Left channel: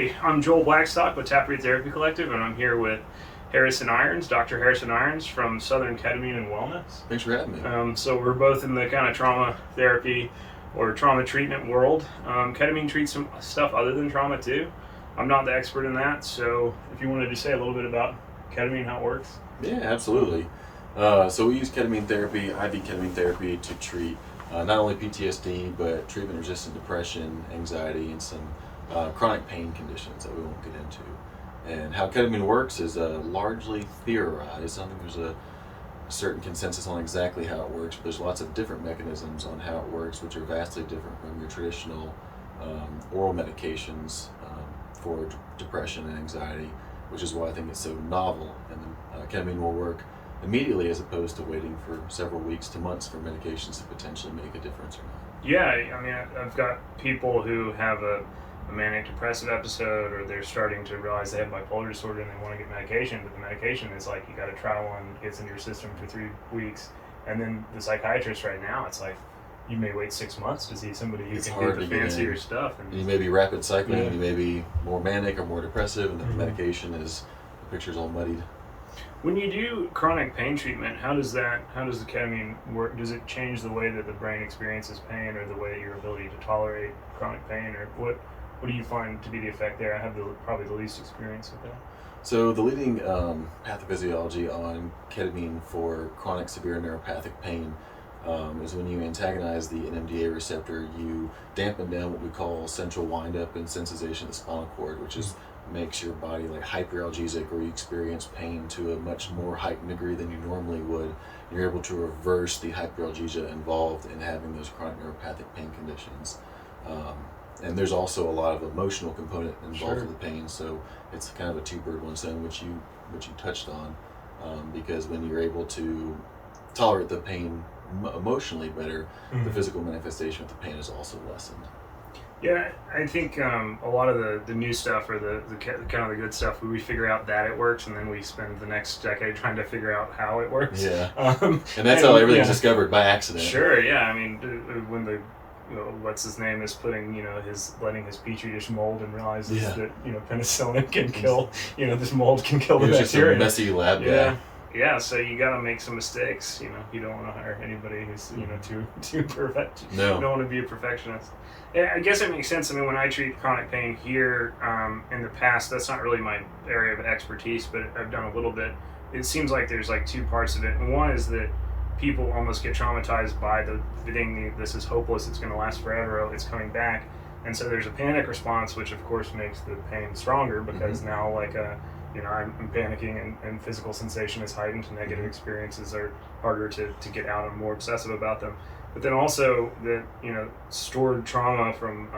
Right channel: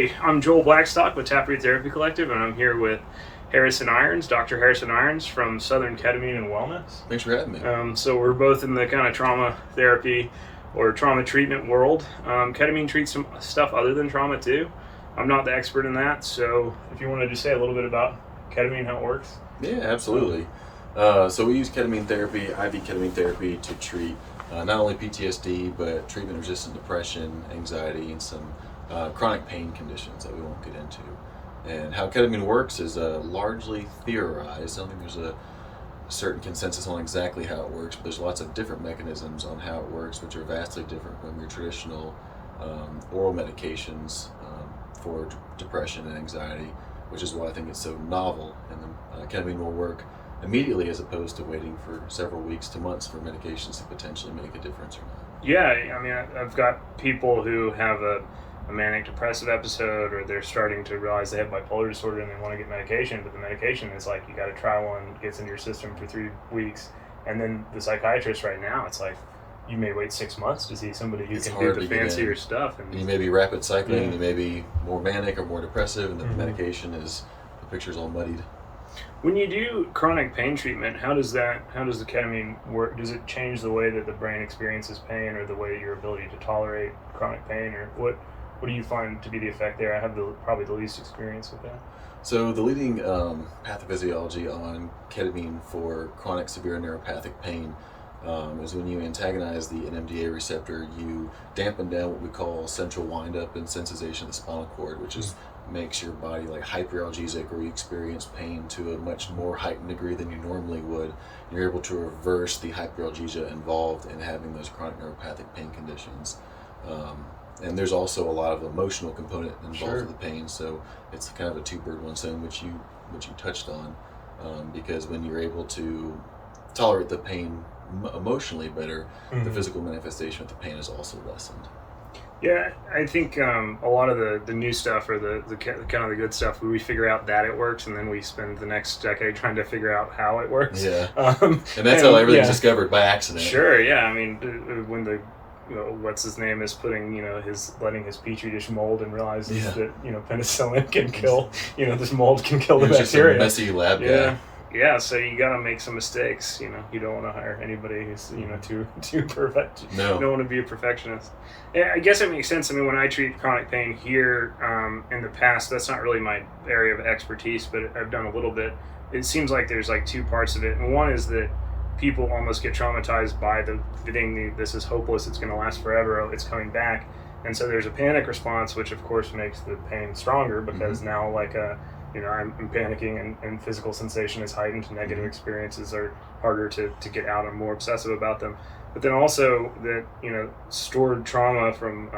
Hey, I'm Joel Blackstock with Taproot Therapy Collective, and I'm here with Harrison Irons, Dr. Harrison Irons from Southern Ketamine and Wellness. Thanks for having me. So we're both in the kind of trauma therapy or trauma treatment world. Ketamine treats some stuff other than trauma too. I'm not the expert in that, so if you wanted to say a little bit about ketamine, how it works. Yeah, absolutely. So we use ketamine therapy, IV ketamine therapy, to treat not only PTSD, but treatment-resistant depression, anxiety, and some chronic pain conditions that we won't get into. And how ketamine works is largely theorized. I don't think there's a certain consensus on exactly how it works, but there's lots of different mechanisms on how it works, which are vastly different from your traditional oral medications for depression and anxiety, which is why I think it's so novel. And the ketamine will work immediately as opposed to waiting for several weeks to months for medications to potentially make a difference or not. Yeah, I mean, I've got people who have a manic depressive episode, or they're starting to realize they have bipolar disorder and they want to get medication, but the medication is like, you got to try one, gets into your system for 3 weeks, and then the psychiatrist right now, it's like, you may wait 6 months to see somebody who can do the fancier stuff. And you may be rapid cycling, and you may be more manic or more depressive, and the medication is, the picture's all muddied. When you do chronic pain treatment, how does the ketamine work? Does it change the way that the brain experiences pain, or the way your ability to tolerate chronic pain, or what do you find to be the effect there? I have probably the least experience with that. So the leading pathophysiology on ketamine for chronic severe neuropathic pain is when you antagonize the NMDA receptor, you dampen down what we call central windup and sensitization of the spinal cord, which is makes your body like hyperalgesic, or you experience pain to a much more heightened degree than you normally would. You're able to reverse the hyperalgesia involved in having those chronic neuropathic pain conditions. And there's also a lot of emotional component involved with the pain, so it's kind of a two-bird, one stone, which you touched on, because when you're able to tolerate the pain emotionally better, the physical manifestation of the pain is also lessened. Yeah, I think a lot of the new stuff, or the kind of the good stuff, we figure out that it works, and then we spend the next decade trying to figure out how it works. Yeah, and that's how everything's discovered by accident. Sure, yeah. I mean, when the what's his name is putting letting his petri dish mold and realizes that penicillin can kill this mold can kill the bacteria. Just a messy lab guy. Yeah, so you got to make some mistakes. You don't want to hire anybody who's too perfect. No, you don't want to be a perfectionist. Yeah, I guess it makes sense. I mean, when I treat chronic pain here in the past, that's not really my area of expertise, but I've done a little bit. It seems like there's like two parts of it, and one is that people almost get traumatized by the thing. This is hopeless. It's going to last forever. It's coming back, and so there's a panic response, which of course makes the pain stronger because now I'm panicking, and physical sensation is heightened. Negative experiences are harder to get out. I'm more obsessive about them. But then also that stored trauma from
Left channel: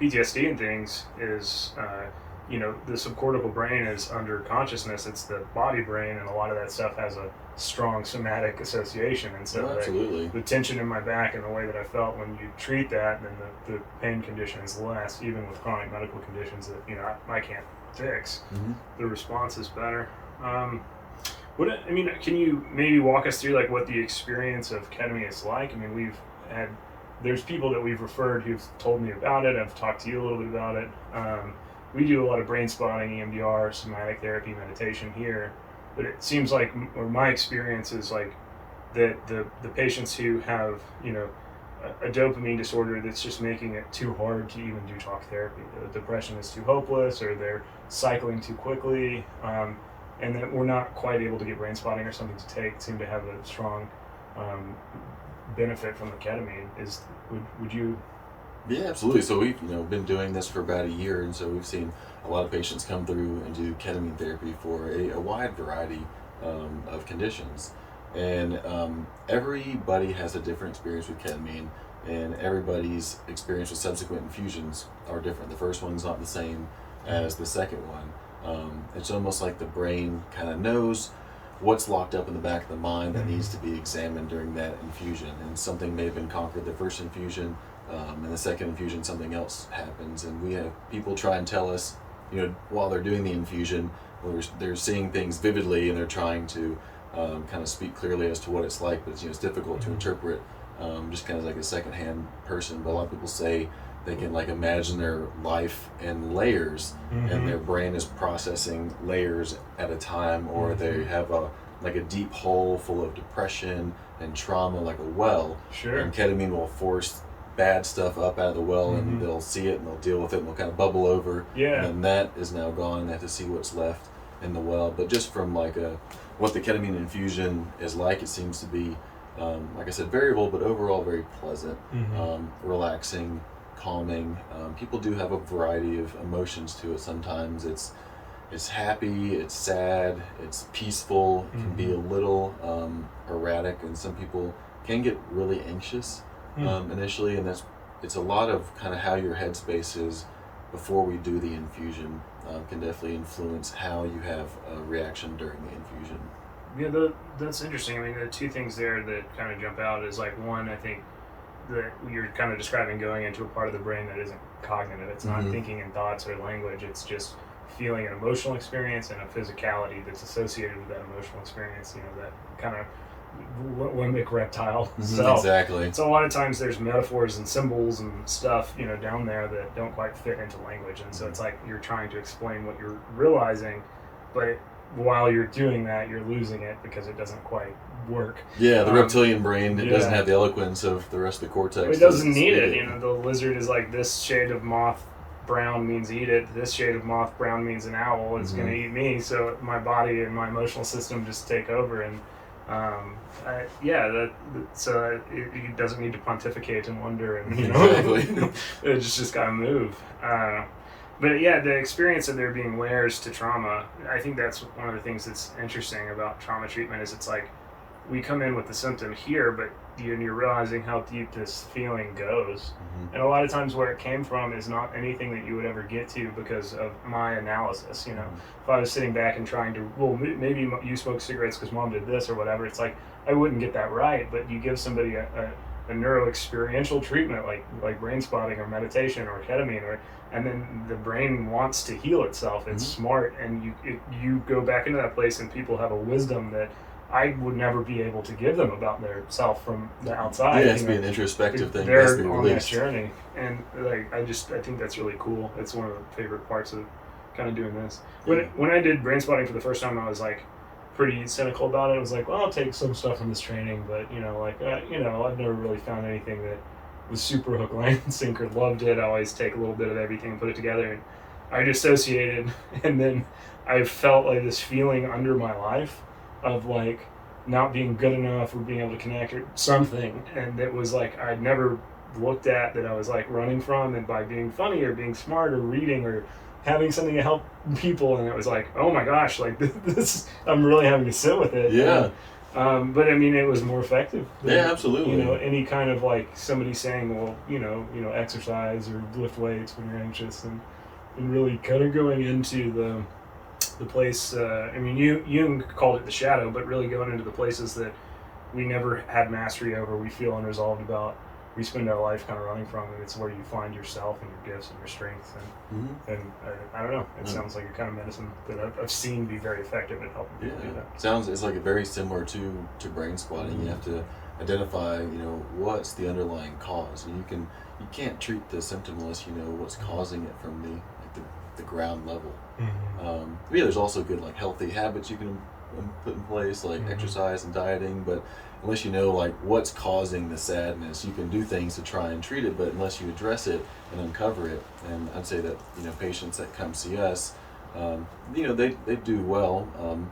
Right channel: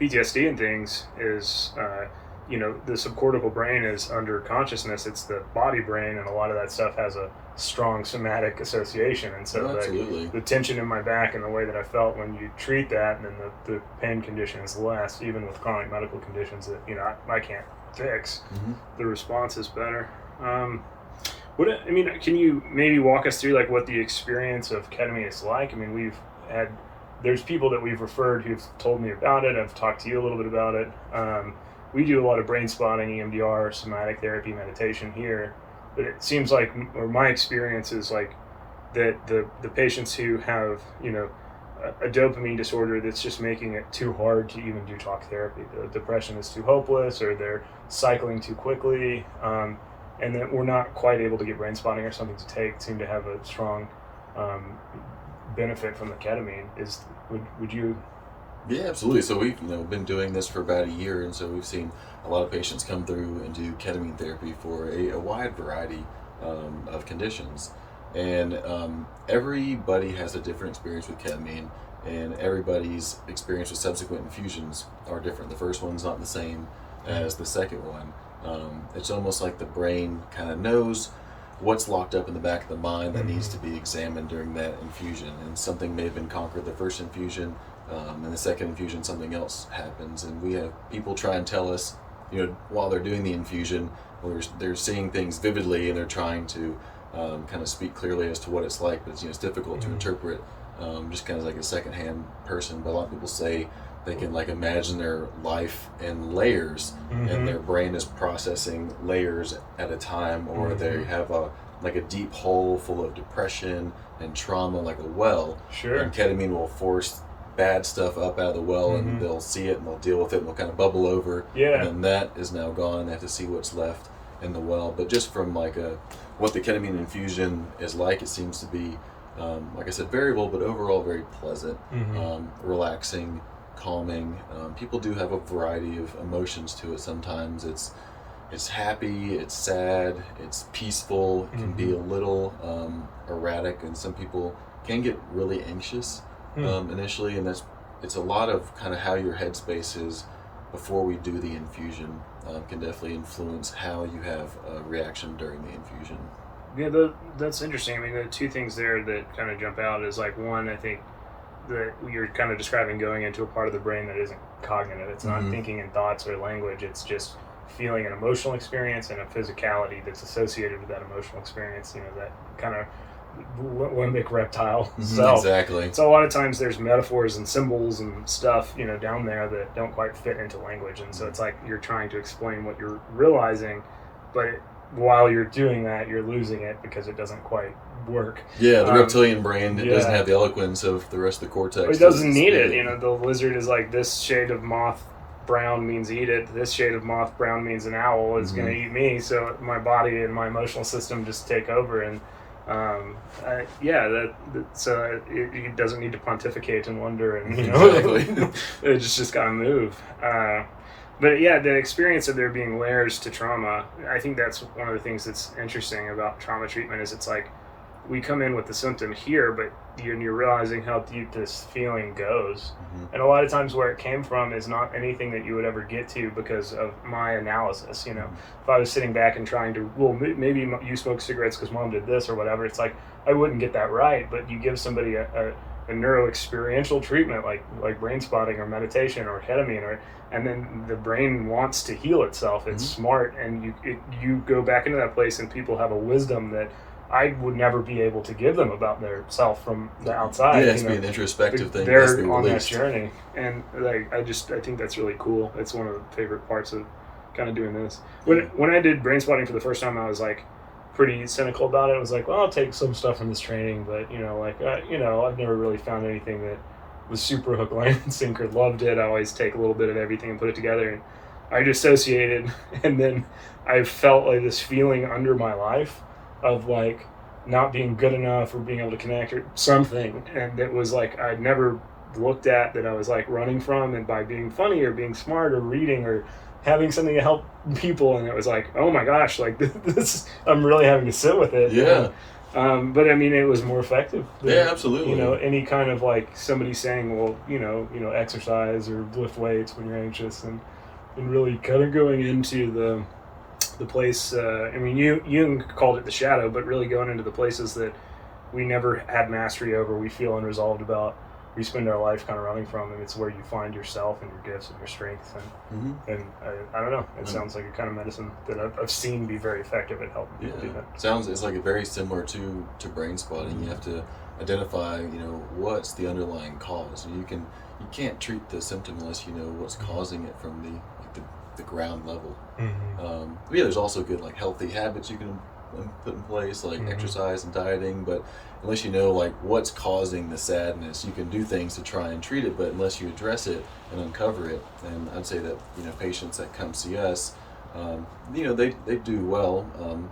PTSD and things is the subcortical brain is under consciousness. It's the body brain, and a lot of that stuff has a strong somatic association. And so the tension in my back and the way that I felt when you treat that, then the pain condition is less, even with chronic medical conditions that I can't fix. The response is better. Can you maybe walk us through like what the experience of ketamine is like? I mean, there's people that we've referred who've told me about it. I've talked to you a little bit about it. We do a lot of brain spotting, EMDR, somatic therapy, meditation here, but it seems like, or my experience is like that the patients who have a dopamine disorder that's just making it too hard to even do talk therapy. The depression is too hopeless, or they're cycling too quickly, and that we're not quite able to get brain spotting or something to take, seem to have a strong benefit from the ketamine. Would you? Yeah, absolutely. So we've been doing this for about a year, and so we've seen a lot of patients come through and do ketamine therapy for a wide variety of conditions. And everybody has a different experience with ketamine, and everybody's experience with subsequent infusions are different. The first one's not the same as the second one. It's almost like the brain kind of knows what's locked up in the back of the mind that needs to be examined during that infusion, and something may have been conquered the first infusion, and the second infusion something else happens. And we have people try and tell us, while they're doing the infusion, or they're seeing things vividly, and they're trying to kind of speak clearly as to what it's like, but it's difficult to interpret just kind of like a secondhand person. But a lot of people say they can like imagine their life in layers, and their brain is processing layers at a time, or they have a like a deep hole full of depression and trauma, like a well. Sure. And ketamine will force bad stuff up out of the well, and they'll see it and they'll deal with it, and they'll kind of bubble over. Yeah. And then that is now gone, and they have to see what's left in the well. But just from like what the ketamine infusion is like, it seems to be, like I said, variable, but overall very pleasant, relaxing, calming. People do have a variety of emotions to it. Sometimes it's happy, it's sad, it's peaceful, it can be a little erratic, and some people can get really anxious initially, and it's a lot of kind of how your headspace is before we do the infusion can definitely influence how you have a reaction during the infusion. Yeah, that's interesting. I mean, the two things there that kind of jump out is like, one, I think that you're kind of describing going into a part of the brain that isn't cognitive. It's not thinking in thoughts or language. It's just feeling an emotional experience and a physicality that's associated with that emotional experience. You know, that kind of limbic reptile self. Exactly. So a lot of times there's metaphors and symbols and stuff, you know, down there that don't quite fit into language. And so it's like you're trying to explain what you're realizing, but while you're doing that, you're losing it because it doesn't quite work. Yeah, the reptilian brain, it doesn't have the eloquence of the rest of the cortex. It doesn't need it. You know, the lizard is like, this shade of moth brown means eat it. This shade of moth brown means an owl is going to eat me. So my body and my emotional system just take over. And so it doesn't need to pontificate and wonder. And, you know, exactly. it just got to move. But yeah, the experience of there being layers to trauma, I think that's one of the things that's interesting about trauma treatment is it's like we come in with the symptom here, but you're realizing how deep this feeling goes. And a lot of times where it came from is not anything that you would ever get to because of my analysis. You know, if I was sitting back and trying to, well, maybe you smoke cigarettes because mom did this or whatever, it's like I wouldn't get that right. But you give somebody a neuro experiential treatment like brain spotting or meditation or ketamine, and then the brain wants to heal itself. It's smart, and you go back into that place, and people have a wisdom that I would never be able to give them about their self from the outside. Yeah, it has to be an introspective thing. They're It has to be on that released. journey, and like I think that's really cool. It's one of the favorite parts of kind of doing this. When I did brain spotting for the first time, I was like pretty cynical about it. I was like, well, I'll take some stuff from this training, but you know, like I've never really found anything that was super hook, line, and sinker. Loved it. I always take a little bit of everything and put it together, and I dissociated, and then I felt like this feeling under my life of like not being good enough or being able to connect or something, and it was like I'd never looked at that I was like running from, and by being funny or being smart or reading or having something to help people, and it was like, oh my gosh, like this I'm really having to sit with it. Yeah. But I mean, it was more effective than, Yeah, absolutely. you know, any kind of like somebody saying, well, you know, exercise or lift weights when you're anxious, and really kind of going into the place. I mean, Jung called it the shadow, but really going into the places that we never had mastery over, we feel unresolved about, we spend our life kind of running from, and it's where you find yourself and your gifts and your strengths. And I don't know, it sounds like a kind of medicine that I've seen be very effective at helping people do that. It's like very similar to brain spotting. You have to identify, you know, what's the underlying cause. You can't treat the symptom unless you know what's causing it from the ground level. But yeah, there's also good like healthy habits you can put in place, like exercise and dieting, but unless you know like what's causing the sadness, you can do things to try and treat it, but unless you address it and uncover it. And I'd say that, you know, patients that come see us, you know, they do well.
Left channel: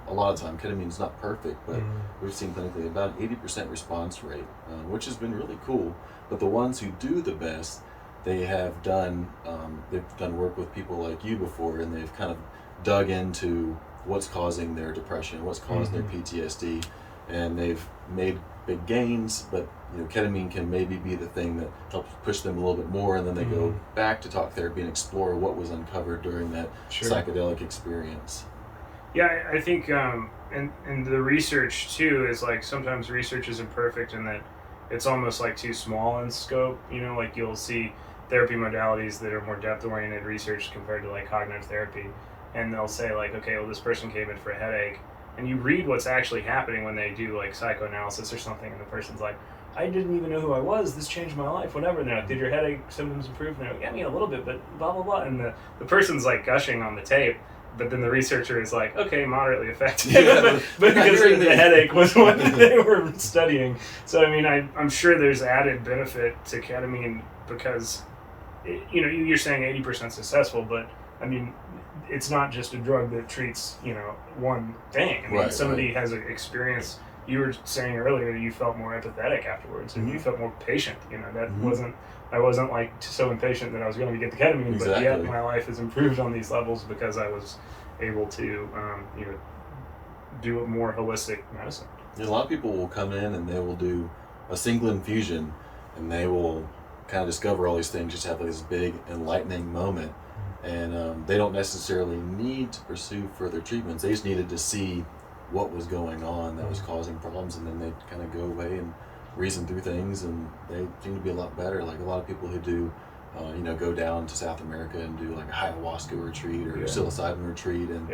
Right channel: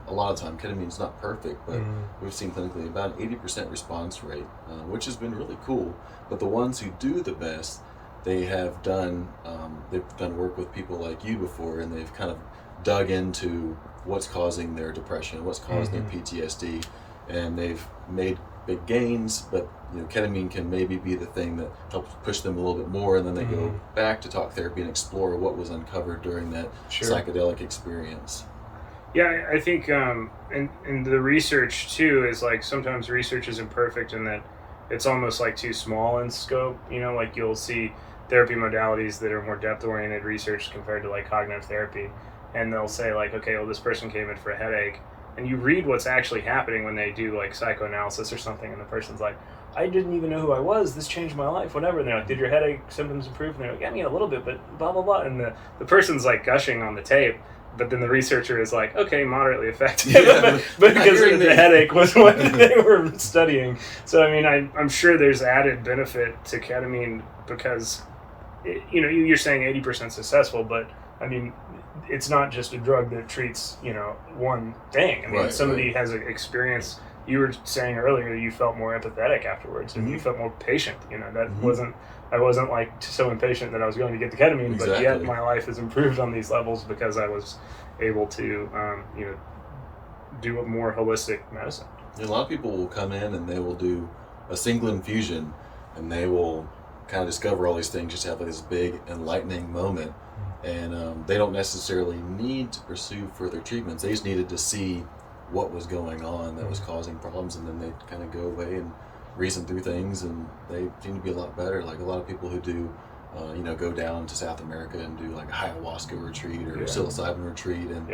A lot of time ketamine's not perfect, but we've seen clinically about 80% response rate, which has been really cool. But the ones who do the best, they've done work with people like you before, and they've kind of dug into what's causing their depression, what's causing their PTSD, and they've made big gains. But you know, ketamine can maybe be the thing that helps push them a little bit more, and then they go back to talk therapy and explore what was uncovered during that psychedelic experience. Yeah, I think, and the research too is like sometimes research isn't perfect in that it's almost like too small in scope. You know, like you'll see therapy modalities that are more depth-oriented research compared to like cognitive therapy, and they'll say like, okay, well, this person came in for a headache, and you read what's actually happening when they do like psychoanalysis or something, and the person's like, I didn't even know who I was. This changed my life, whatever. And they're like, did your headache symptoms improve? And they're like, yeah, I mean, a little bit, but blah, blah, blah. And the person's like gushing on the tape, but then the researcher is like, okay, moderately effective. Yeah, but because the headache was what they were studying. So, I mean, I'm sure there's added benefit to ketamine because, you're saying 80% successful, but I mean, it's not just a drug that treats, one thing. I mean, somebody has an experience. You were saying earlier you felt more empathetic afterwards, and you felt more patient. That I wasn't like so impatient that I was going to get the ketamine, but yet my life has improved on these levels because I was able to, do a more holistic medicine. And a lot of people will come in and they will do a single infusion, and they will kind of discover all these things, just have this big enlightening moment, and they don't necessarily need to pursue further treatments. They just needed to see what was going on that was causing problems, and then they kind of go away and reason through things, and they seem to be a lot better. Like a lot of people who do go down to South America and do like a ayahuasca retreat or psilocybin retreat, and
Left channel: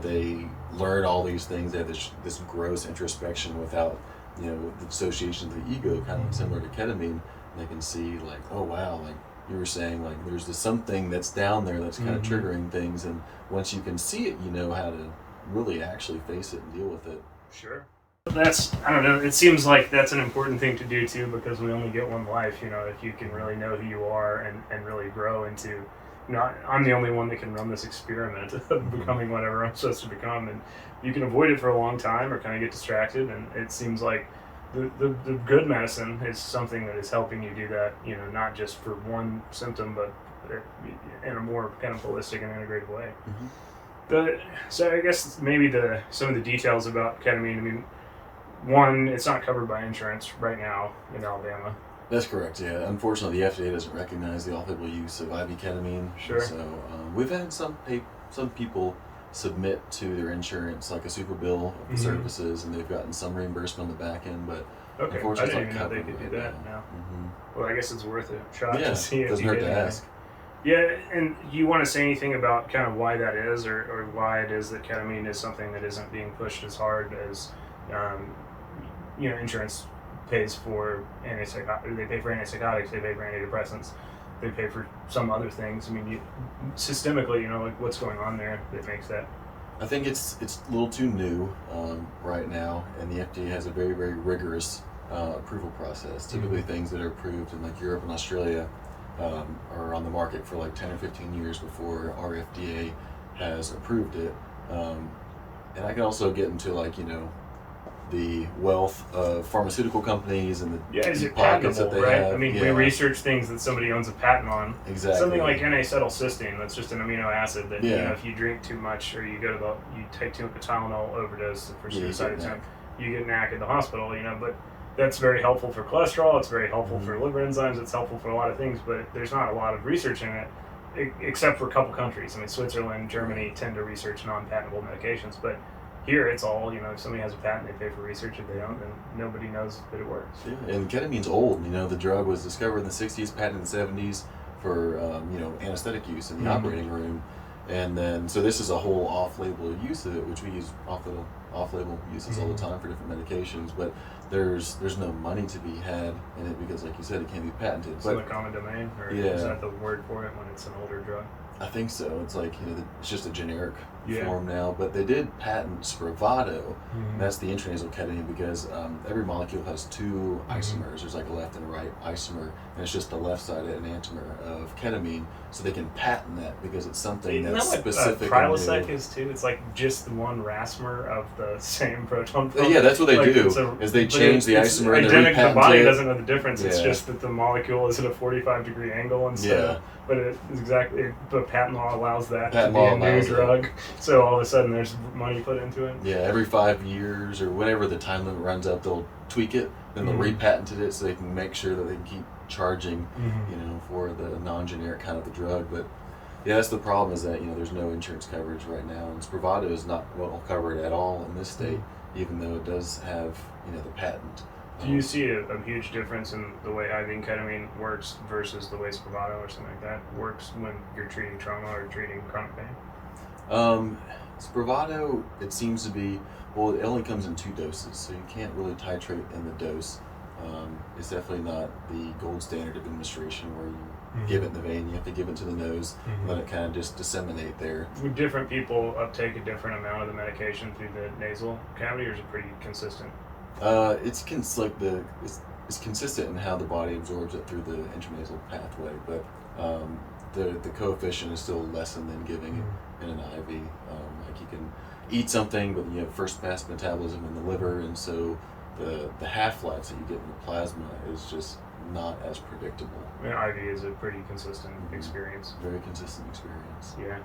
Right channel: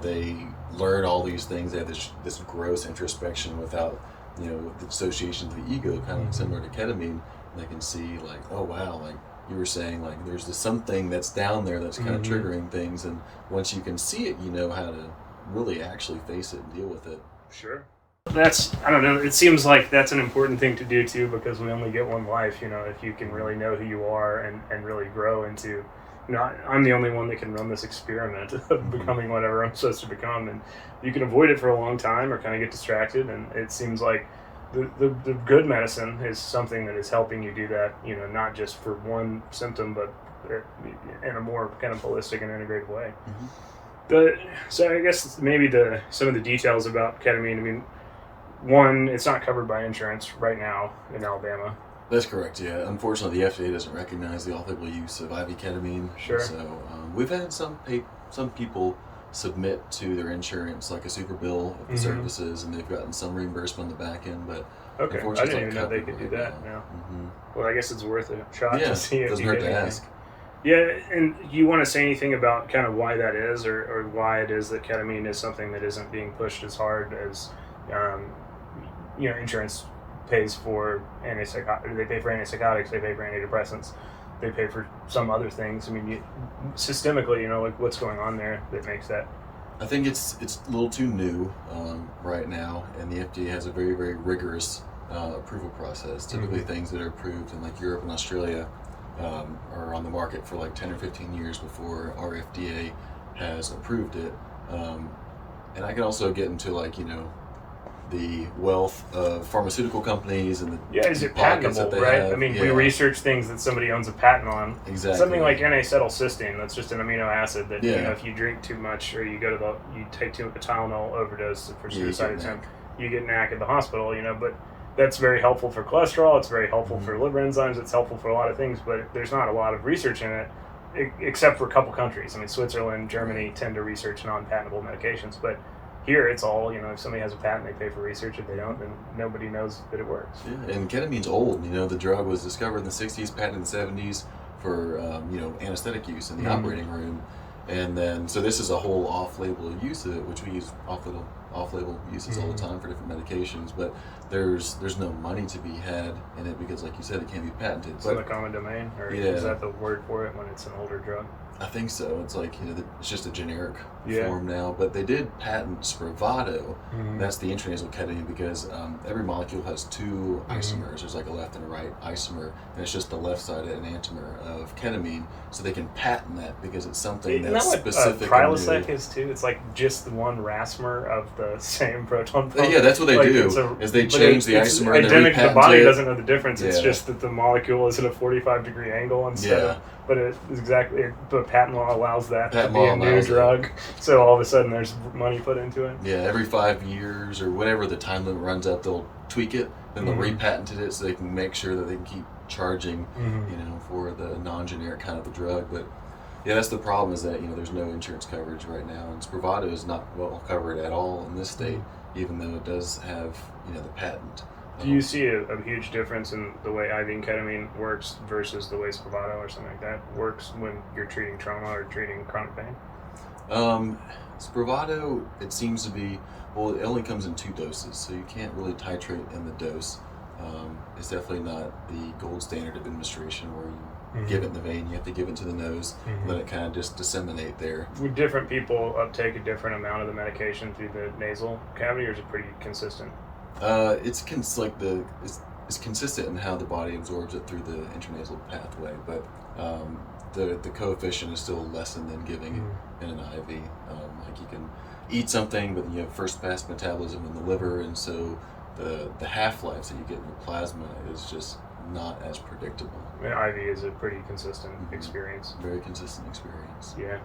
they learn all these things. They have this gross introspection without the dissociation of the ego, kind of similar to ketamine. And they can see like, oh wow, like you were saying, like there's this something that's down there that's kind of triggering things, and once you can see it, you know how to really actually face it and deal with it. Sure. I don't know, it seems like that's an important thing to do too, because we only get one life. If you can really know who you are and really grow into, I'm the only one that can run this experiment of becoming whatever I'm supposed to become, and you can avoid it for a long time or kind of get distracted, and it seems like the good medicine is something that is helping you do that, not just for one symptom, but in a more kind of holistic and integrated way. So I guess maybe some of the details about ketamine. I mean, one, it's not covered by insurance right now in Alabama. That's correct, yeah. Unfortunately, the FDA doesn't recognize the off-label use of IV ketamine. Sure. So we've had some people submit to their insurance like a super bill of the services, and they've gotten some reimbursement on the back end, but unfortunately, I didn't even know they could do that. Well, I guess it's worth a shot to see. Doesn't hurt to ask. Yeah, and you want to say anything about kind of why that is, or why it is that ketamine is something that isn't being pushed as hard as, insurance pays for antipsychotics, they pay for antipsychotics, they pay for antidepressants, they pay for some other things. I mean, systemically, like what's going on there that makes that? I think it's a little too new right now, and the FDA has a very, very rigorous approval process. Typically, things that are approved in like Europe and Australia are on the market for like 10 or 15 years before our FDA has approved it. And I can also get into like, the wealth of pharmaceutical companies and the is it pockets patentable, that they right? have. I mean, we research things that somebody owns a patent on. Exactly. Something like N-acetylcysteine, that's just an amino acid that if you drink too much or you take too much Tylenol overdose for suicide attempt, you get NAC at the hospital. But that's very helpful for cholesterol. It's very helpful for liver enzymes. It's helpful for a lot of things, but there's not a lot of research in it, except for a couple countries. I mean, Switzerland, Germany tend to research non-patentable medications, but here it's all, if somebody has a patent, they pay for research. If they don't, then nobody knows that it works. Yeah, and ketamine's old. The drug was discovered in the 60s, patented in the 70s for, anesthetic use in the operating room. And then, so this is a whole off-label use of it, which we use off-label uses all the time for different medications, but there's no money to be had in it because, like you said, it can't be patented. It's in the common domain, or is that the word for it when it's an older drug? I think so. It's like, it's just a generic form now, but they did patent Spravato. That's the intranasal ketamine because every molecule has two isomers. There's like a left and a right isomer, and it's just the left side enantiomer of ketamine, so they can patent that because it's something that's specific and new. Prilosec is too? It's like just the one racmer of the same proton pump. Yeah, that's what they do, is they change the isomer and they repatent it. The body doesn't know the difference. It's just that the molecule is at a 45-degree angle instead of, but it is exactly, the patent law allows that to be a new drug. So all of a sudden there's money put into it. Yeah, every 5 years or whenever the time limit runs out, they'll tweak it, then they'll repatent it so they can make sure that they can keep charging, for the non-generic kind of the drug. But yeah, that's the problem, is that, there's no insurance coverage right now, and Spravato is not well covered at all in this state, even though it does have, the patent. Do you see a huge difference in the way IV ketamine works versus the way Spravato or something like that works when you're treating trauma or treating chronic pain? Spravato, it seems to be, it only comes in 2 doses, so you can't really titrate in the dose. it's definitely not the gold standard of administration where you give it in the vein. You have to give it to the nose, and then it kind of just disseminate there. Would different people uptake a different amount of the medication through the nasal cavity, or is it pretty consistent? It's consistent in how the body absorbs it through the intranasal pathway, but the coefficient is still less than giving in an IV. Like you can eat something, but you have first pass metabolism in the liver, and so the half-life that you get in your plasma is just not as predictable. I mean, IV is a pretty consistent experience. Very consistent experience. Yeah.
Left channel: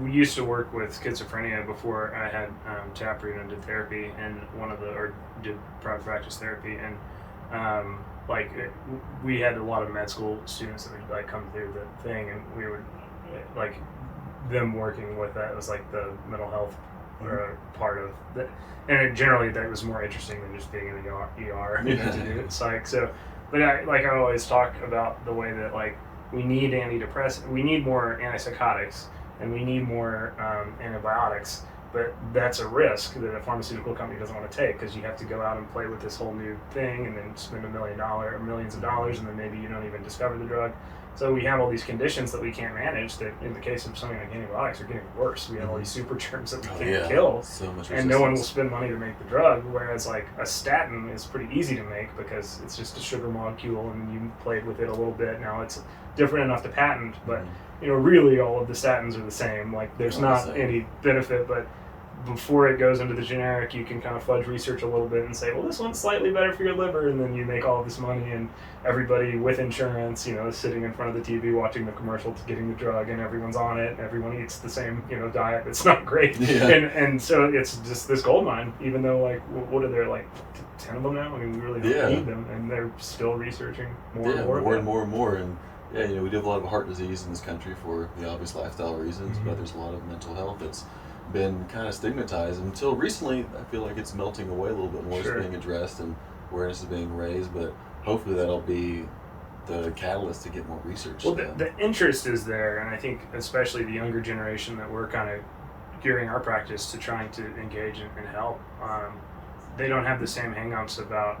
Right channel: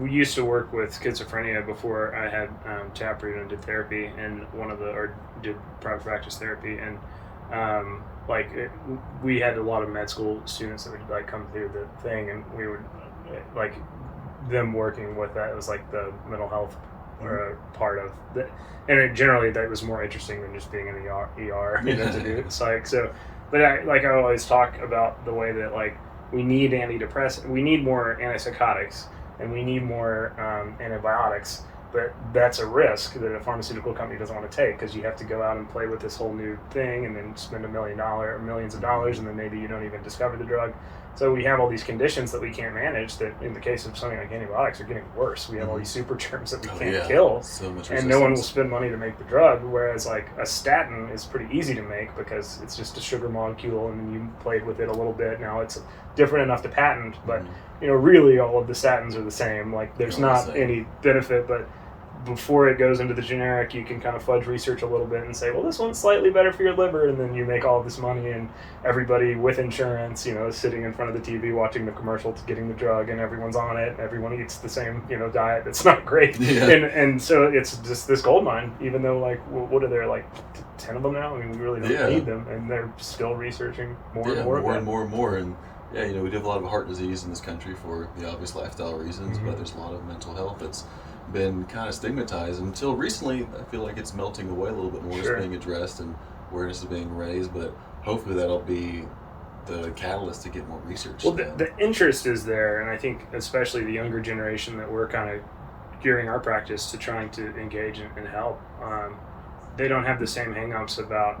We used to work with schizophrenia before I had taproot and did therapy, and did private practice therapy, and we had a lot of med school students that would like come through the thing, and we would like them working with that. It was like the mental health part of the, and generally that was more interesting than just being in the ER to do psych. So, but I always talk about the way that like we need antidepressants, we need more antipsychotics, and we need more antibiotics. But that's a risk that a pharmaceutical company doesn't want to take, because you have to go out and play with this whole new thing and then spend $1 million or millions of dollars, and then maybe you don't even discover the drug. So we have all these conditions that we can't manage that in the case of something like antibiotics are getting worse. We have all these super germs that we can't kill. So much and no one will spend money to make the drug, whereas like a statin is pretty easy to make because it's just a sugar molecule and you played with it a little bit. Now it's different enough to patent, but really all of the statins are the same. Like there's not any benefit, but before it goes into the generic, you can kind of fudge research a little bit and say, well, this one's slightly better for your liver, and then you make all of this money, and everybody with insurance, is sitting in front of the TV watching the commercial to getting the drug, and everyone's on it, and everyone eats the same, diet that's not great. Yeah. And so it's just this gold mine, even though, like, what are there, like, 10 of them now? I mean, we really don't need them, and they're still researching more and more. And we do have a lot of heart disease in this country for the obvious lifestyle reasons, but there's a lot of mental health that's been kind of stigmatized until recently. I feel like it's melting away a little bit more. It's being addressed and awareness is being raised, but hopefully that'll be the catalyst to get more research. Well, the interest is there, and I think especially the younger generation that we're kind of gearing our practice to trying to engage and help, they don't have the same hang-ups about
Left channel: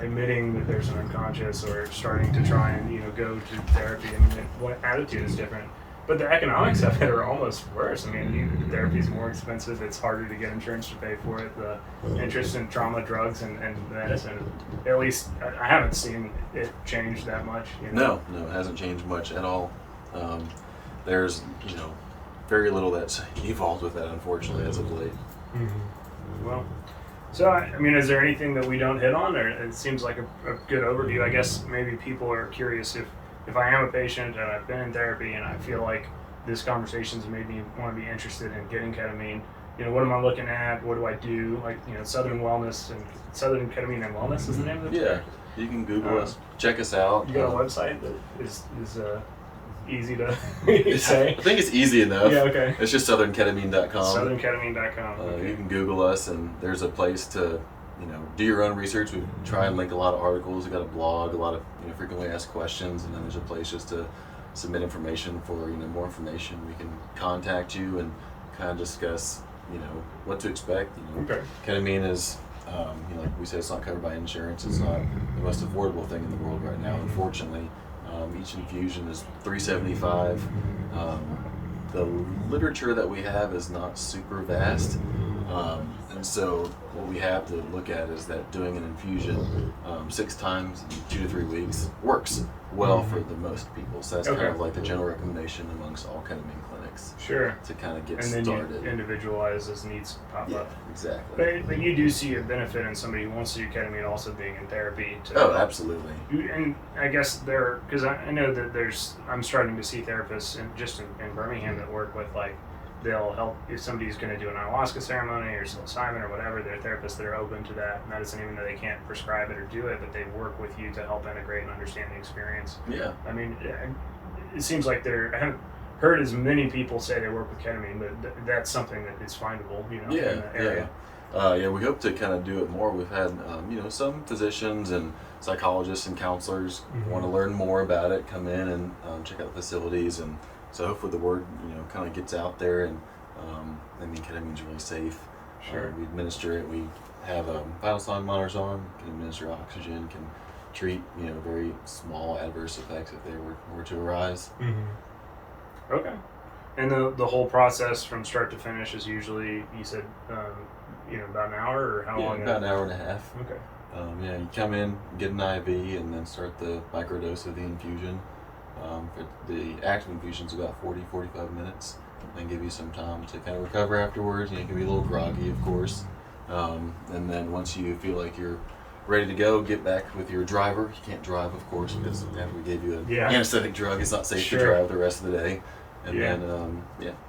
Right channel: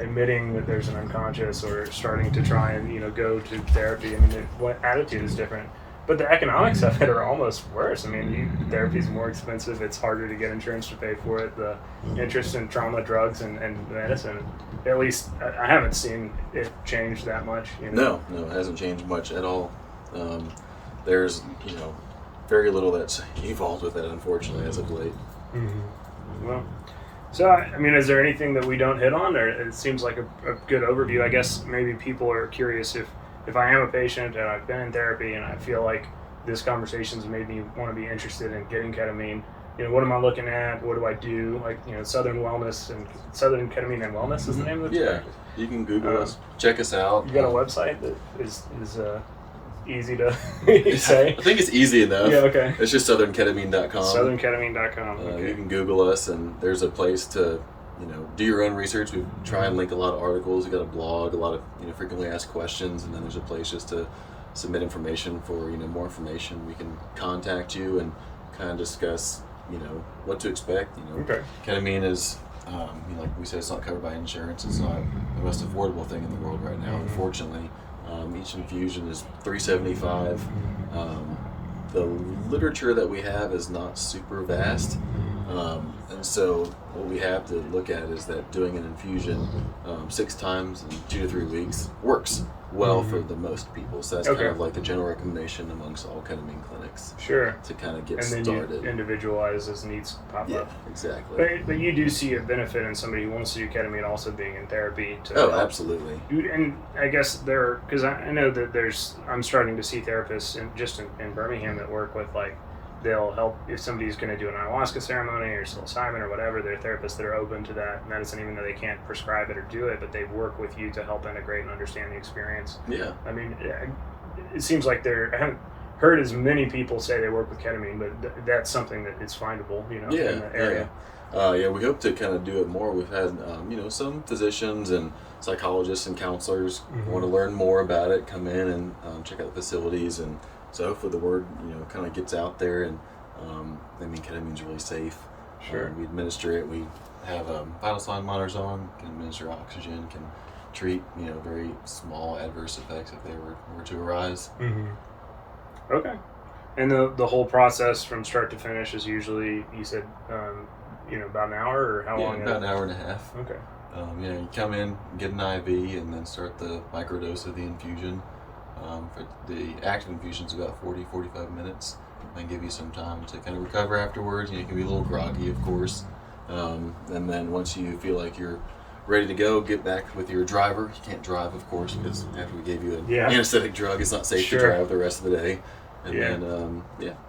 admitting that there's an unconscious or starting to try and go to therapy. I mean, what attitude is different. But the economics of it are almost worse. I mean, therapy is more expensive. It's harder to get insurance to pay for it. The interest in trauma drugs and medicine, at least I haven't seen it change that much. No, it hasn't changed much at all. There's, very little that's evolved with that, unfortunately, as of late. Well, so, I mean, is there anything that we don't hit on? Or it seems like a good overview. I guess maybe people are curious if I am a patient and I've been in therapy and I feel like this conversation's made me want to be interested in getting ketamine, what am I looking at? What do I do? Like, Southern Ketamine and Wellness is the name of the Yeah, you can Google us, check us out. You got a website that is easy to say? I think it's easy enough. Yeah, okay. It's just southernketamine.com. Southernketamine.com. Okay. You can Google us, and there's a place to do your own research. We try and link a lot of articles. We've got a blog, a lot of frequently asked questions, and then there's a place just to submit information for more information. We can contact you and kind of discuss what to expect. Okay. Ketamine is like we say, it's not covered by insurance. It's not the most affordable thing in the world right now, unfortunately. Each infusion is $375. The literature that we have is not super vast. And so what we have to look at is that doing an infusion 6 times in 2 to 3 weeks works well for the most people. So that's kind of like the general recommendation amongst all ketamine clinics. Sure. To kind of get started. started. And then you individualize as needs pop up. Exactly. But you do see a benefit in somebody who wants to do ketamine also being in therapy. Absolutely. And I guess because I know that I'm starting to see therapists in Birmingham that work with they'll help if somebody's going to do an ayahuasca ceremony or psilocybin or whatever. There are therapists that are open to that, and that doesn't even that they can't prescribe it or do it, but they work with you to help integrate and understand the experience. Yeah. I mean, it seems like I haven't heard as many people say they work with ketamine, but that's something that is findable, in the area. We hope to kind of do it more. We've had, some physicians and psychologists and counselors want to learn more about it, come in and check out the facilities, and so hopefully the word, kind of gets out there. And ketamine's really safe. Sure. We administer it. We have vital sign monitors on, can administer oxygen, can treat very small adverse effects if they were to arise. Mm-hmm. Okay. And the whole process from start to finish is usually, you said, about an hour, or how Yeah, long? about an hour and a half. Okay. You come in, get an IV, and then start the microdose of the infusion. For the active infusion's about 40-45 minutes, and give you some time to kind of recover afterwards. You can be a little groggy, of course. And then once you feel like you're ready to go, get back with your driver. You can't drive, of course, because after we gave you an anesthetic drug, it's not safe to drive the rest of the day. And then,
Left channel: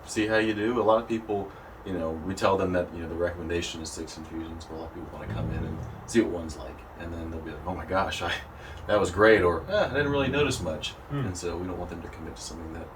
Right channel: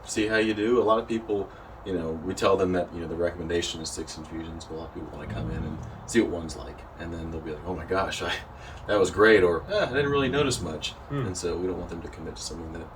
see how you do. A lot of people, we tell them that, the recommendation is 6 infusions, but a lot of people want to come in and see what one's like. And then they'll be like, oh my gosh, that was great, or I didn't really notice much. And so we don't want them to commit to something that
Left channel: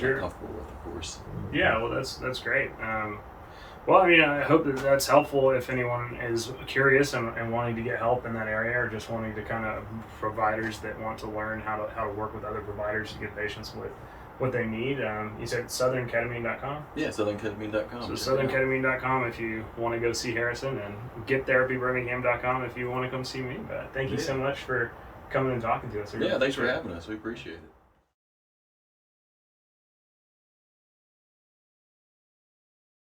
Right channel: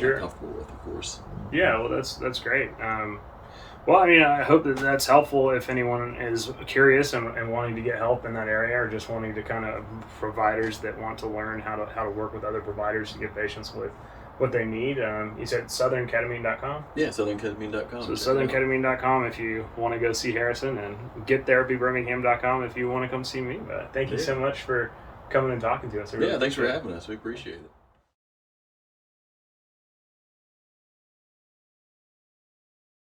they're not comfortable with, of course. Yeah, well, that's great. Well, I mean, I hope that that's helpful if anyone is curious and wanting to get help in that area, or just wanting to kind of providers that want to learn how to work with other providers to get patients with what they need. You said southernketamine.com? Yeah, southernketamine.com. So southernketamine.com if you want to go see Harrison, and gettherapybirmingham.com if you want to come see me. But thank you so much for coming and talking to us. Thanks for having us. We appreciate it.